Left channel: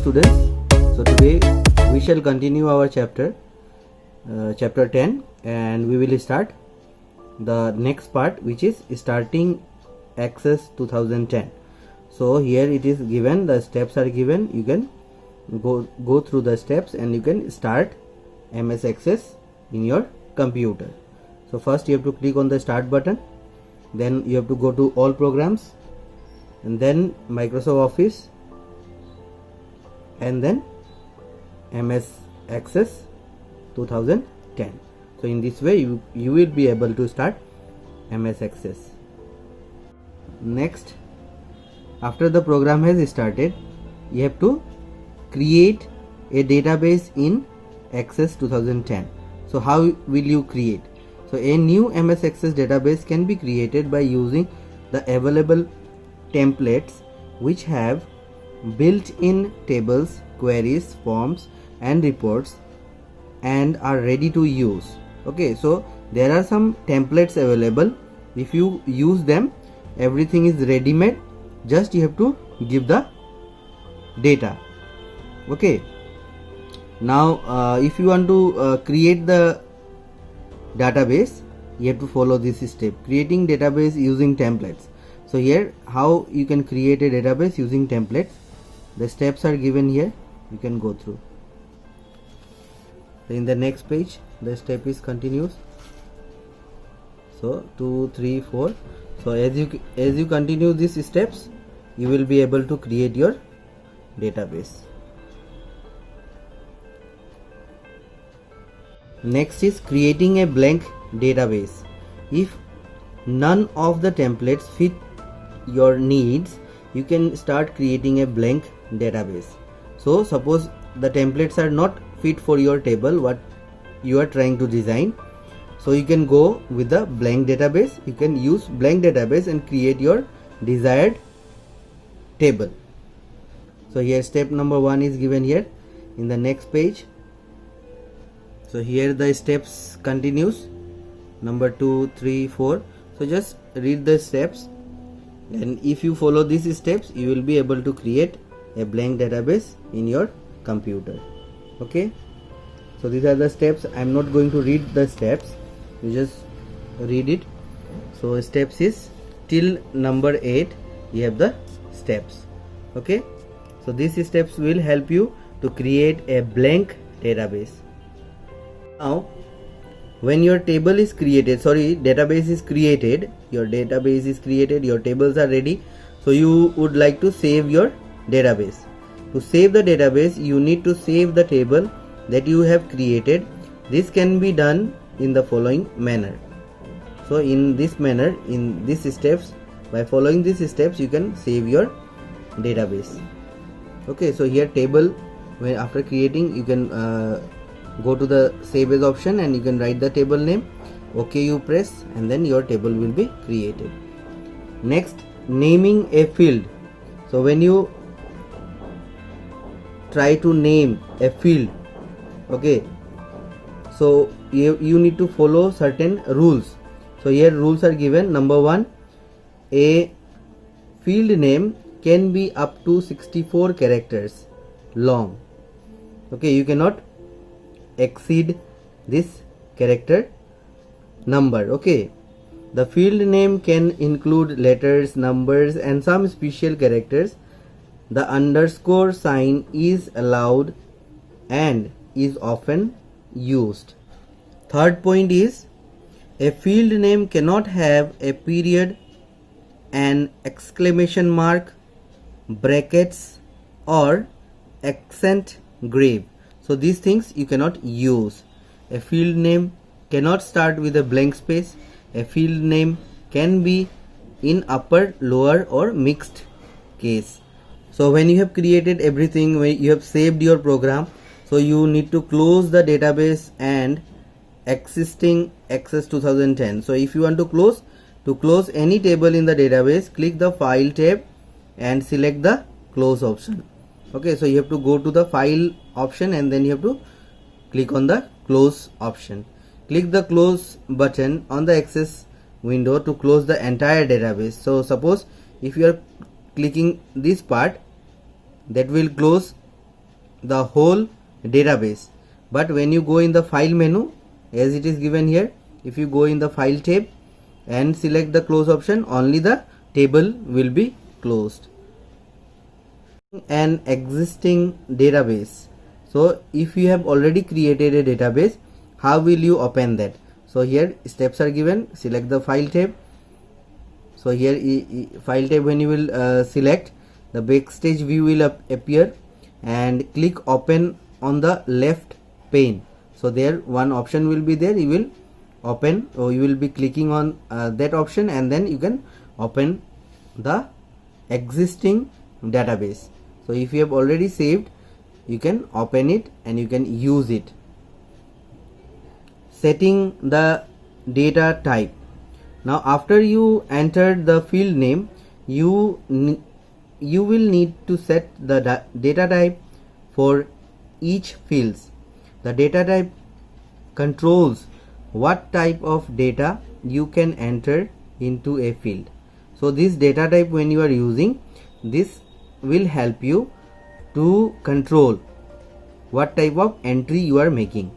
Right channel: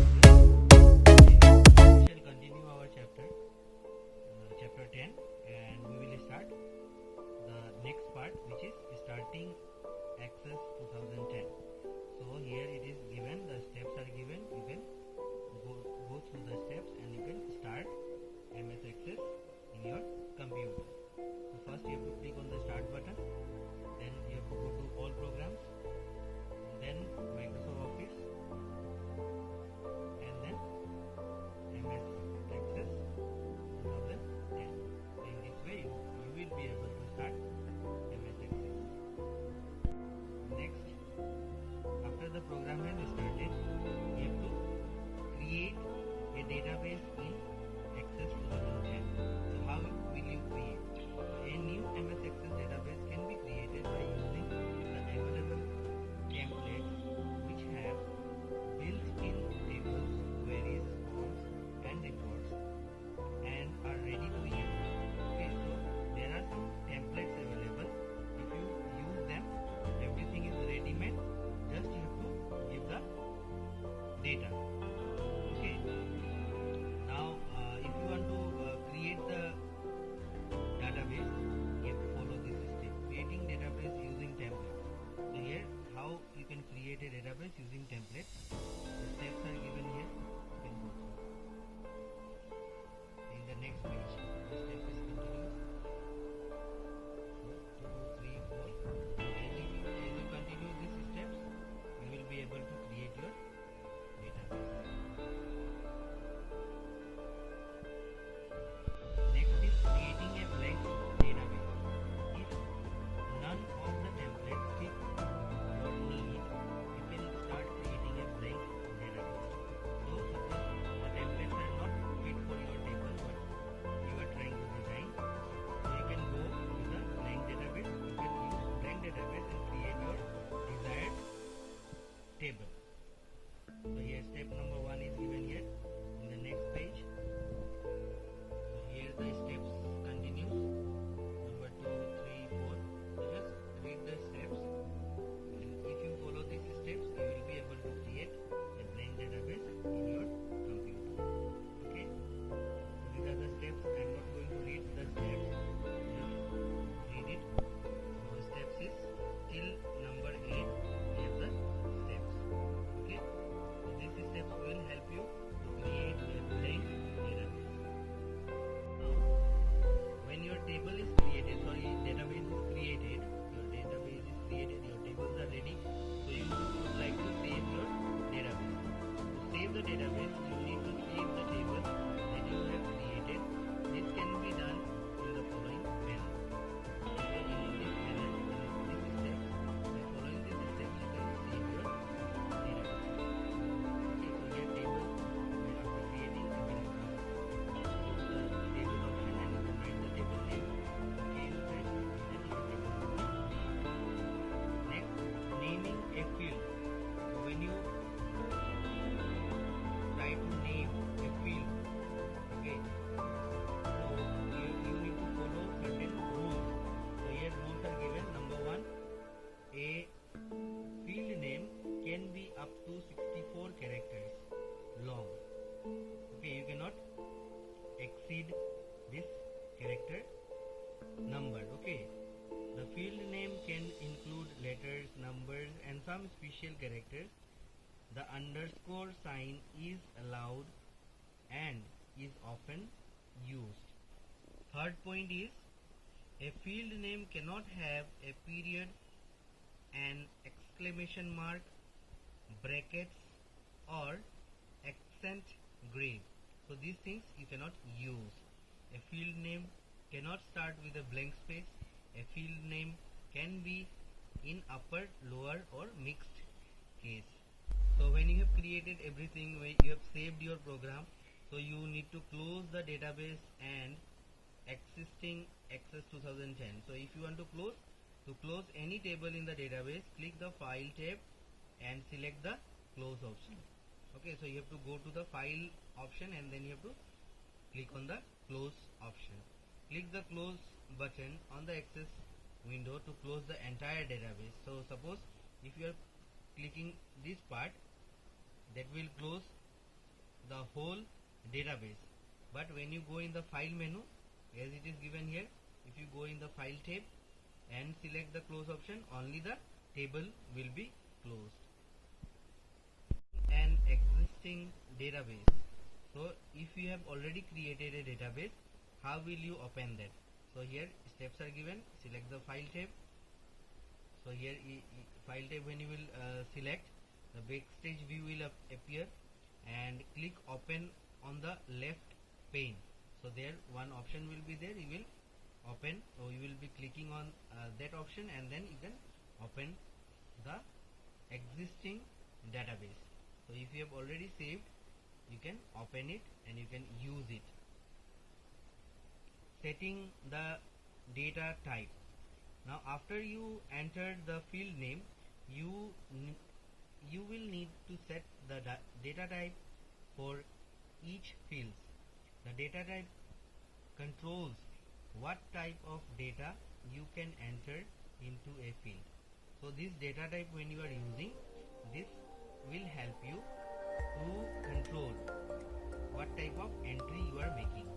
students. So today we shall continue our chapter 10, and we will start the next part, which is starting Access 2010. So here it is given, the steps are given. You can go through the steps and you can start MS Access in your computer. So first you have to click on the start button, then you have to go to all programs, and then Microsoft Office, and then MS Access 2010. So in this way you will be able to start MS Access. Next, after the program has started, you have to create a database in Access 2010. So how will you create? So a new MS Access database can be created by using the available templates which have built-in tables, queries, forms and reports and are ready to use. Okay, so there are some templates available. If you use them, everything is ready-made. Just you have to give the data. Okay, now if you want to create the database, you have to follow this step: creating database using templates. So here how you can create a database using templates. The steps are given here, you can go through. In the next page the step is continuous. So 2, 3, 4. So as you continue these steps, you will be able to create your database. Next is creating a blank database. If none of the templates fit your needs, you can start creating a blank database. So suppose the templates are not fit for your table what you are trying to design, so you can go with the blank database. You can use blank database and create your desired table. So here step number 1 is given here in the next page. So here the steps continues, number 2, 3, 4. So just read the steps, and if you follow these steps, you will be able to create a blank database in your computer. Okay, so these are the steps. I am not going to read the steps, you just read it. So steps is till number 8 you have the steps. Okay, so these steps will help you to create a blank database. Now when your table is created, database is created, your database is created, your tables are ready, so you would like to save your database. To save the database, you need to save the table that you have created. This can be done in the following manner. So in this manner, in these steps, by following these steps, you can save your database. Okay, so here table, when after creating, you can go to the save as option and you can write the table name. Okay, you press, and then your table will be created. Next, naming a field. So when you try to name a field, okay, so you need to follow certain rules. So here rules are given. Number 1, a field name can be up to 64 characters long. Okay, you cannot exceed this character number. Okay, the field name can include letters, numbers and some special characters. The underscore sign is allowed and is often used. Third point is, a field name cannot have a period, an exclamation mark, brackets or accent grave. So these things you cannot use. A field name cannot start with a blank space. A field name can be in upper, lower or mixed case. So when you have created everything, when you have saved your program, so you need to close the database and existing Access 2010. So if you want to close any table in the database, click the file tab and select the close option. Okay, so you have to go to the file option and then you have to click on the close option. Click the close button on the Access window to close the entire database. So suppose if you are clicking this part, that will close the whole database. But when you go in the file menu, as it is given here, if you go in the file tab and select the close option, only the table will be closed. An existing database. So if you have already created a database, how will you open that? So here steps are given. Select the file tab. So here file tab, when you will select, the backstage view will appear, and click open on the left pane. So there one option will be there, you will open, or you will be clicking on that option, and then you can open the existing database. So if you have already saved, you can open it and you can use it. Setting the data type. Now after you entered the field name, you will need to set the data type for each fields. The data type controls what type of data you can enter into a field. So this data type, when you are using, this will help you to control what type of entry you are making.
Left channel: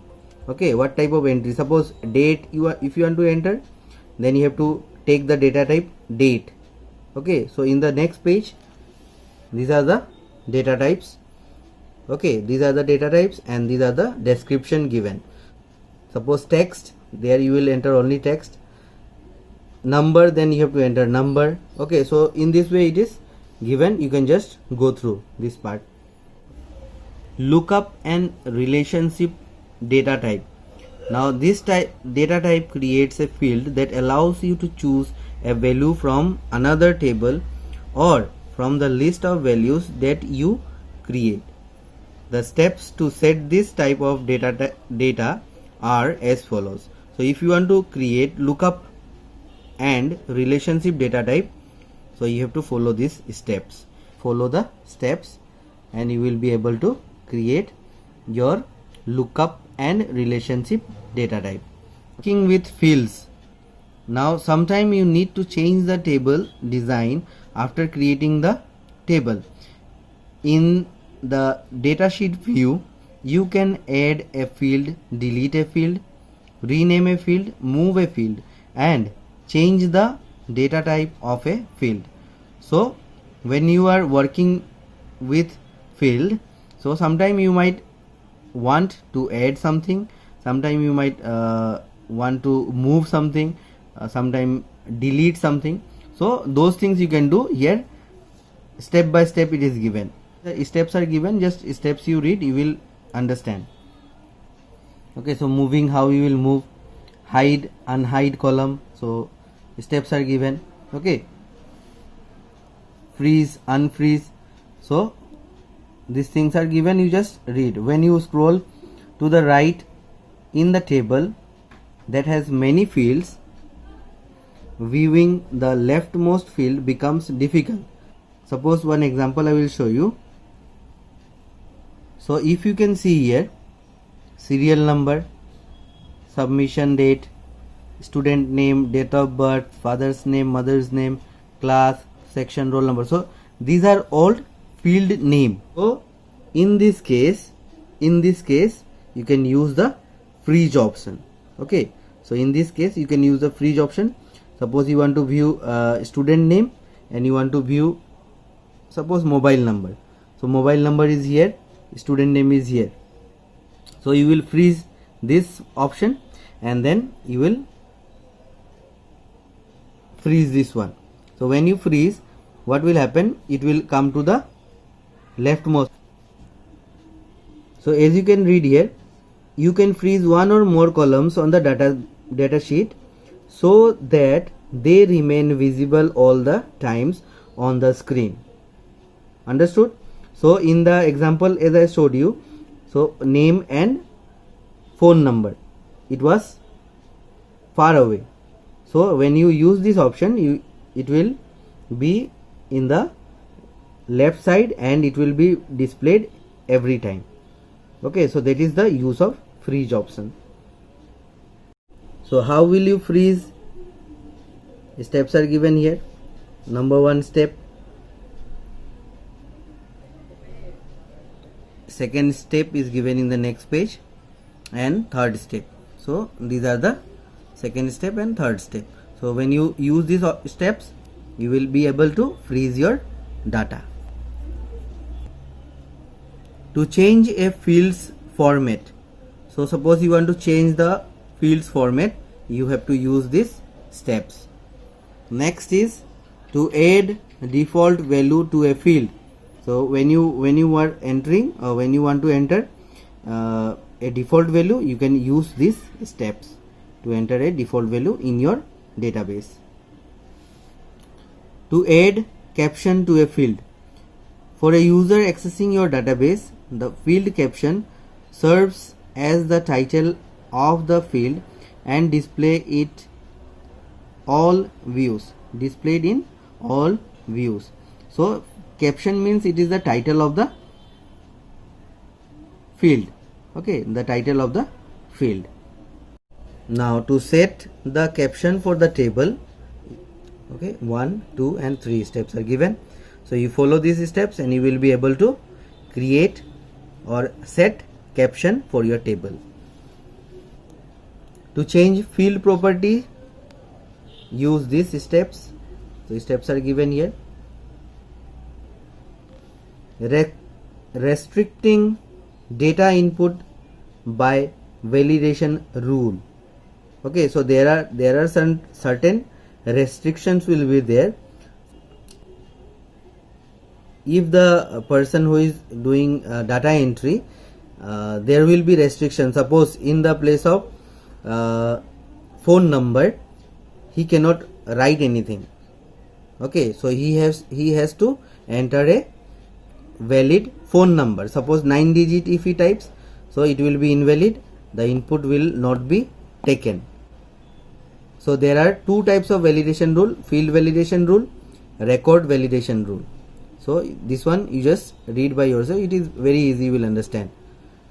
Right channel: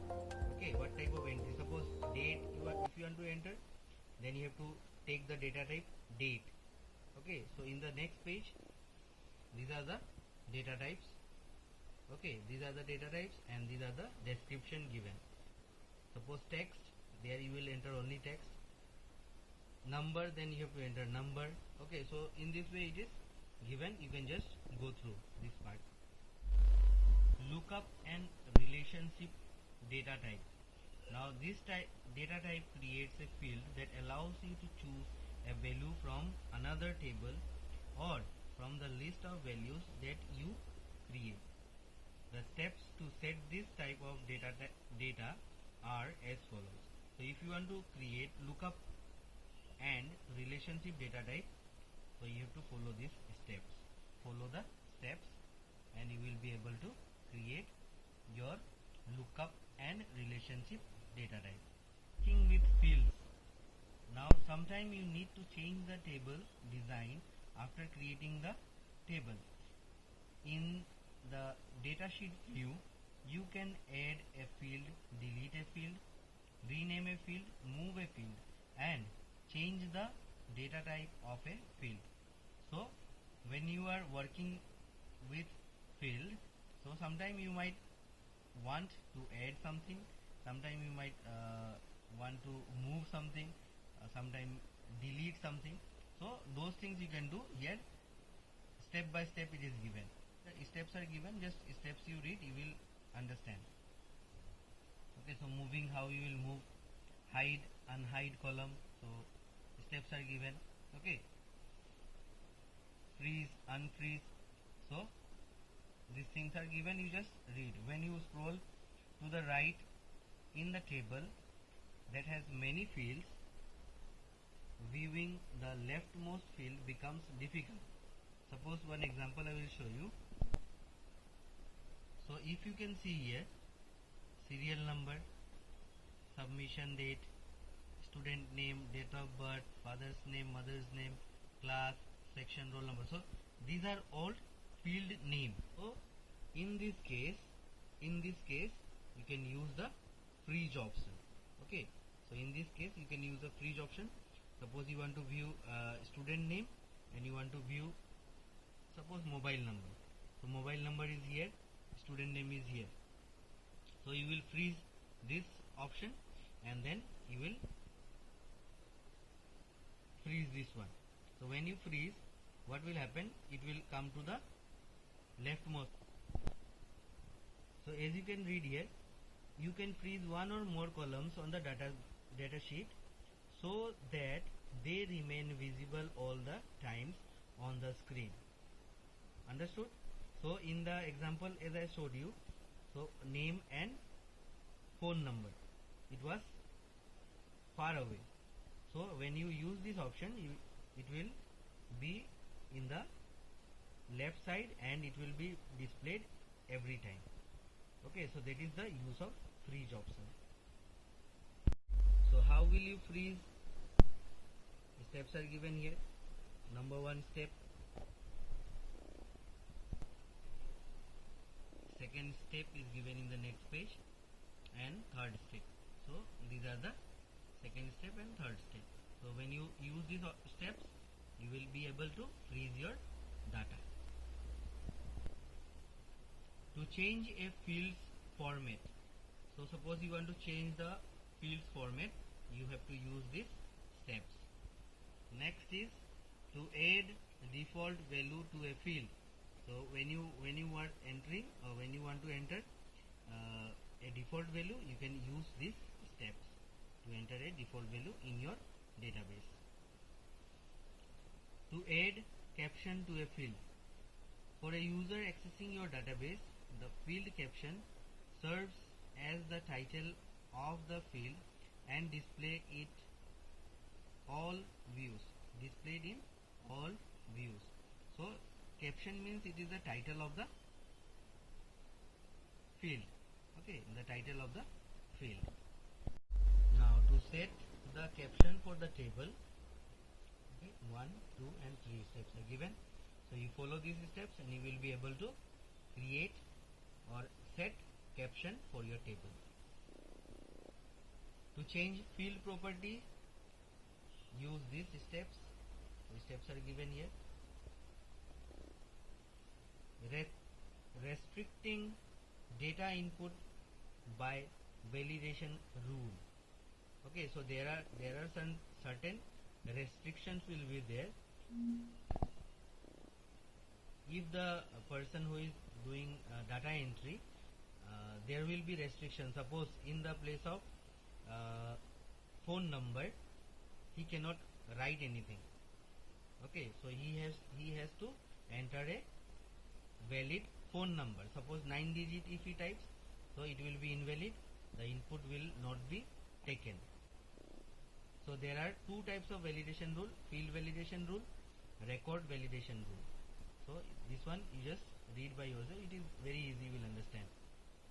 Okay, what type of entry? Suppose date if you want to enter, then you have to take the data type date. Okay, so in the next page, these are the data types. Okay, these are the data types, and these are the description given. Suppose text, there you will enter only text. Number, then you have to enter number. Okay, so in this way it is given. You can just go through this part. Lookup and relationship data type. Now this data type creates a field that allows you to choose a value from another table or from the list of values that you create. The steps to set this type of data are as follows. So if you want to create lookup and relationship data type, so you have to follow these steps. Follow the steps and you will be able to create your lookup and relationship data type. Working with fields. Now sometime you need to change the table design after creating the table. In the datasheet view, you can add a field, delete a field, rename a field, move a field, and change the data type of a field. So when you are working with field, so sometime you might want to add something, sometime you might want to move something, sometime delete something. So those things you can do here. Step by step it is given. The steps are given, just steps you read, you will understand. Okay, so moving, how you will move, hide, unhide column, so steps are given. Okay, freeze, unfreeze, so these things are given, you just read. When you scroll to the right in the table that has many fields, viewing the leftmost field becomes difficult. Suppose one example I will show you. So if you can see here, serial number, submission date, student name, date of birth, father's name, mother's name, class, section, roll number. So these are all field name. So in this case you can use the freeze option. Okay, so in this case you can use the freeze option. Suppose you want to view student name and you want to view, suppose, mobile number. So mobile number is here, student name is here. So you will freeze this option and then you will freeze this one. So when you freeze, what will happen? It will come to the leftmost. So as you can read here, you can freeze one or more columns on the data sheet so that they remain visible all the times on the screen. Understood? So in the example as I showed you, so name and phone number, it was far away. So when you use this option, it will be in the left side and it will be displayed every time. Okay, so that is the use of freeze option. So how will you freeze? Steps are given here. Number one step, second step is given in the next page, and third step. So these are the second step and third step. So when you use these steps, you will be able to freeze your data. To change a field's format, so suppose you want to change the field's format, you have to use these steps. Next is to add default value to a field. So when you are entering, or when you want to enter a default value, you can use these steps to enter a default value in your database. To add caption to a field, for a user accessing your database, the field caption serves as the title of the field and displayed in all views. So caption means it is the title of the field. Okay, the title of the field. Now to set the caption for the table, okay, 1, 2 and 3 steps are given. So you follow these steps and you will be able to create or set caption for your table. To change field property, use these steps. So steps are given here. Restricting data input by validation rule. Okay, so there are some certain restrictions will be there. If the person who is doing data entry, there will be restrictions. Suppose in the place of phone number, he cannot write anything. Okay, so he has to enter a valid phone number. Suppose 9 digit if he types, so it will be invalid, the input will not be taken. So there are two types of validation rule: field validation rule, record validation rule. So this one you just read by yourself, it is very easy, you will understand.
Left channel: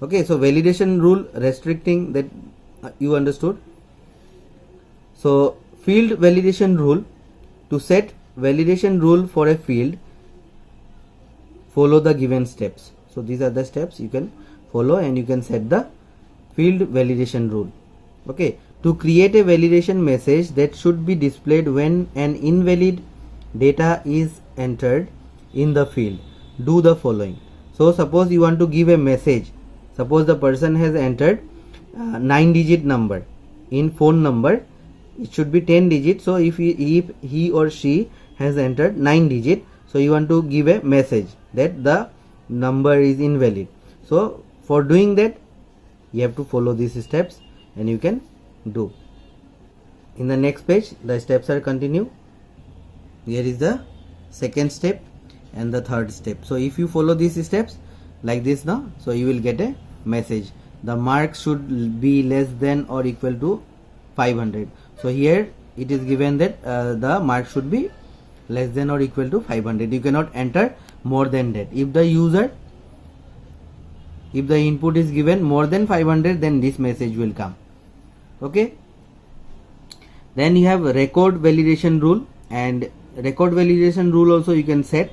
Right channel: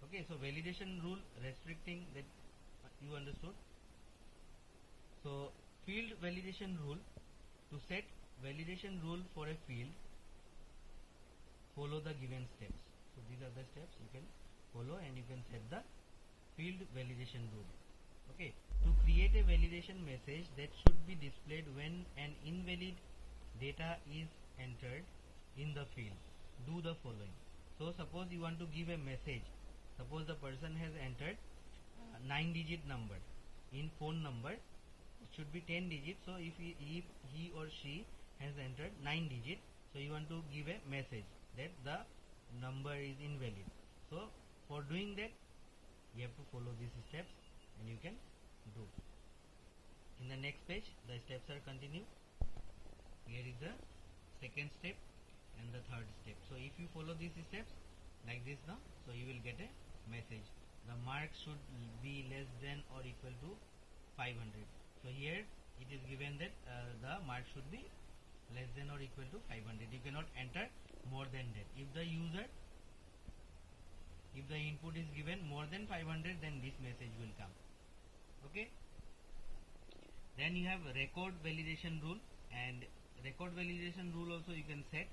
Okay, so validation rule restricting, that you understood. So field validation rule, to set validation rule for a field, follow the given steps. So these are the steps you can follow and you can set the field validation rule. Okay, to create a validation message that should be displayed when an invalid data is entered in the field, do the following. So suppose you want to give a message. Suppose the person has entered 9 digit number. In phone number it should be 10 digit. So if he or she has entered 9 digit, so you want to give a message that the number is invalid. So for doing that, you have to follow these steps and you can do. In the next page, the steps are continue. Here is the second step and the third step. So if you follow these steps like this now, so you will get a message. The mark should be less than or equal to 500. So here it is given that the mark should be less than or equal to 500. You cannot enter more than that. If the input is given more than 500, then this message will come. Okay, then you have record validation rule, and record validation rule also you can set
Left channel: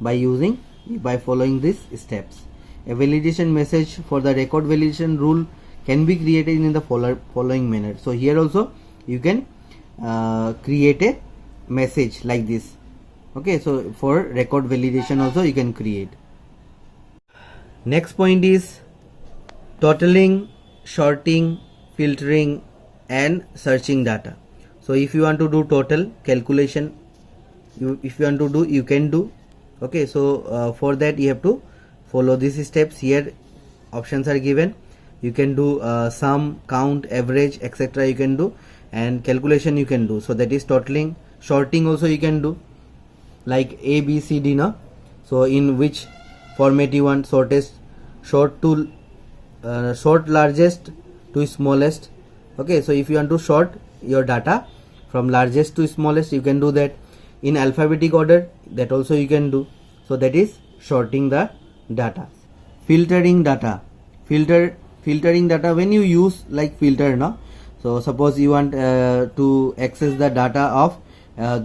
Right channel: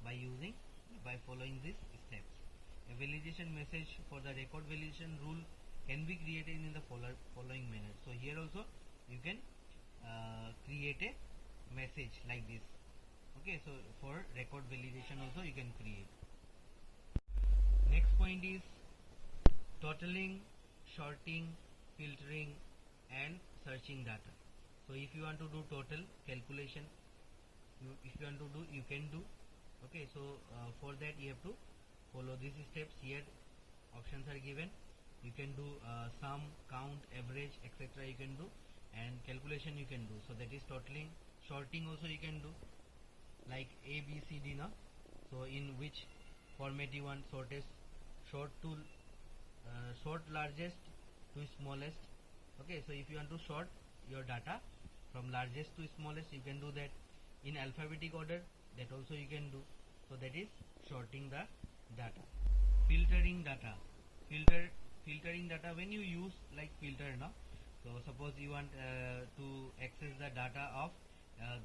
by following these steps. A validation message for the record validation rule can be created in the following manner. So here also you can create a message like this. Okay, so for record validation also you can create. Next point is totaling, sorting, filtering and searching data. So if you want to do total calculation, if you want to do, you can do. Okay, so for that you have to follow these steps. Here options are given. You can do sum, count, average, etc. you can do, and calculation you can do. So that is totaling. Sorting also you can do, like A, B, C, D, no? So in which format you want shortest, sort largest to smallest. Okay, so if you want to sort your data from largest to smallest, you can do that. In alphabetic order, that also you can do. So that is sorting the data. Filtering data. Filtering data, when you use like filter, no? So suppose you want to access the data of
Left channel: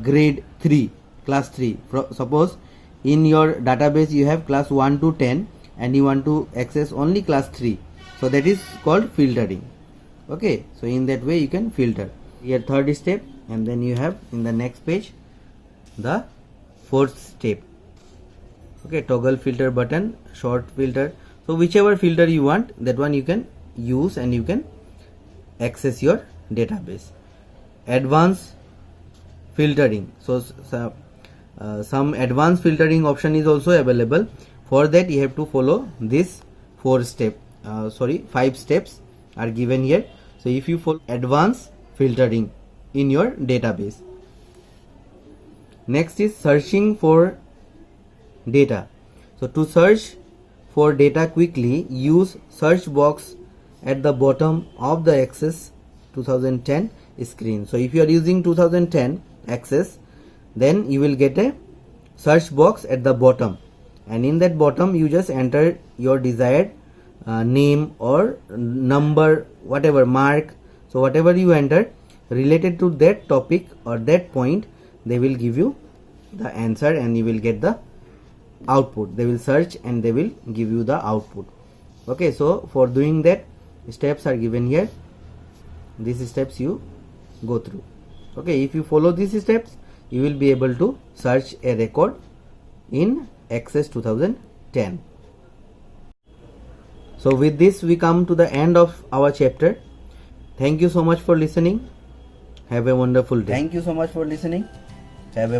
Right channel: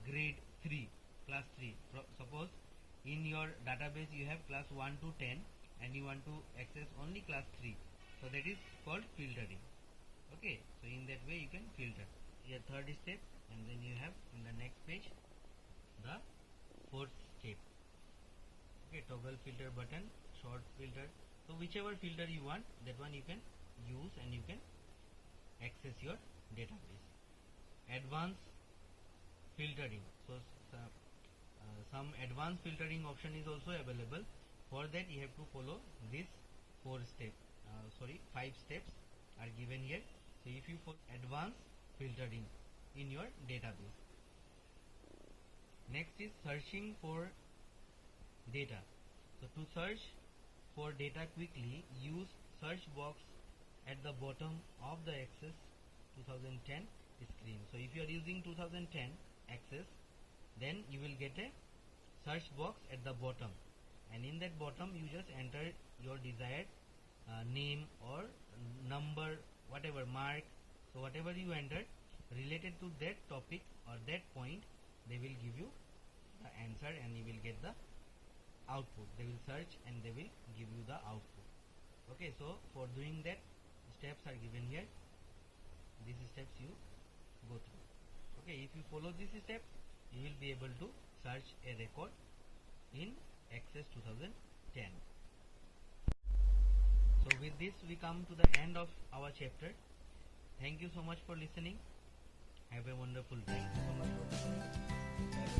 grade 3, class 3. Suppose in your database you have class 1 to 10, and you want to access only class 3, so that is called filtering. Okay, so in that way you can filter. Here third step, and then you have in the next page the fourth step. Okay, toggle filter button, short filter. So whichever filter you want, that one you can use and you can access your database. Advanced filtering. So some advanced filtering option is also available. For that you have to follow this 5 steps are given here. So if you follow advanced filtering in your database. Next is searching for data. So to search for data quickly, use search box at the bottom of the Access 2010 screen. So if you are using 2010 Access, then you will get a search box at the bottom, and in that bottom you just enter your desired name or number, whatever mark. So whatever you enter related to that topic or that point, they will give you the answer and you will get the output. They will search and they will give you the output. Okay, so for doing that, steps are given here. These steps you go through. Okay, if you follow these steps, you will be able to search a record in Access 2010. So with this we come to the end of our chapter. Thank you so much for listening. Have a wonderful day. Thank you so much for listening. Have a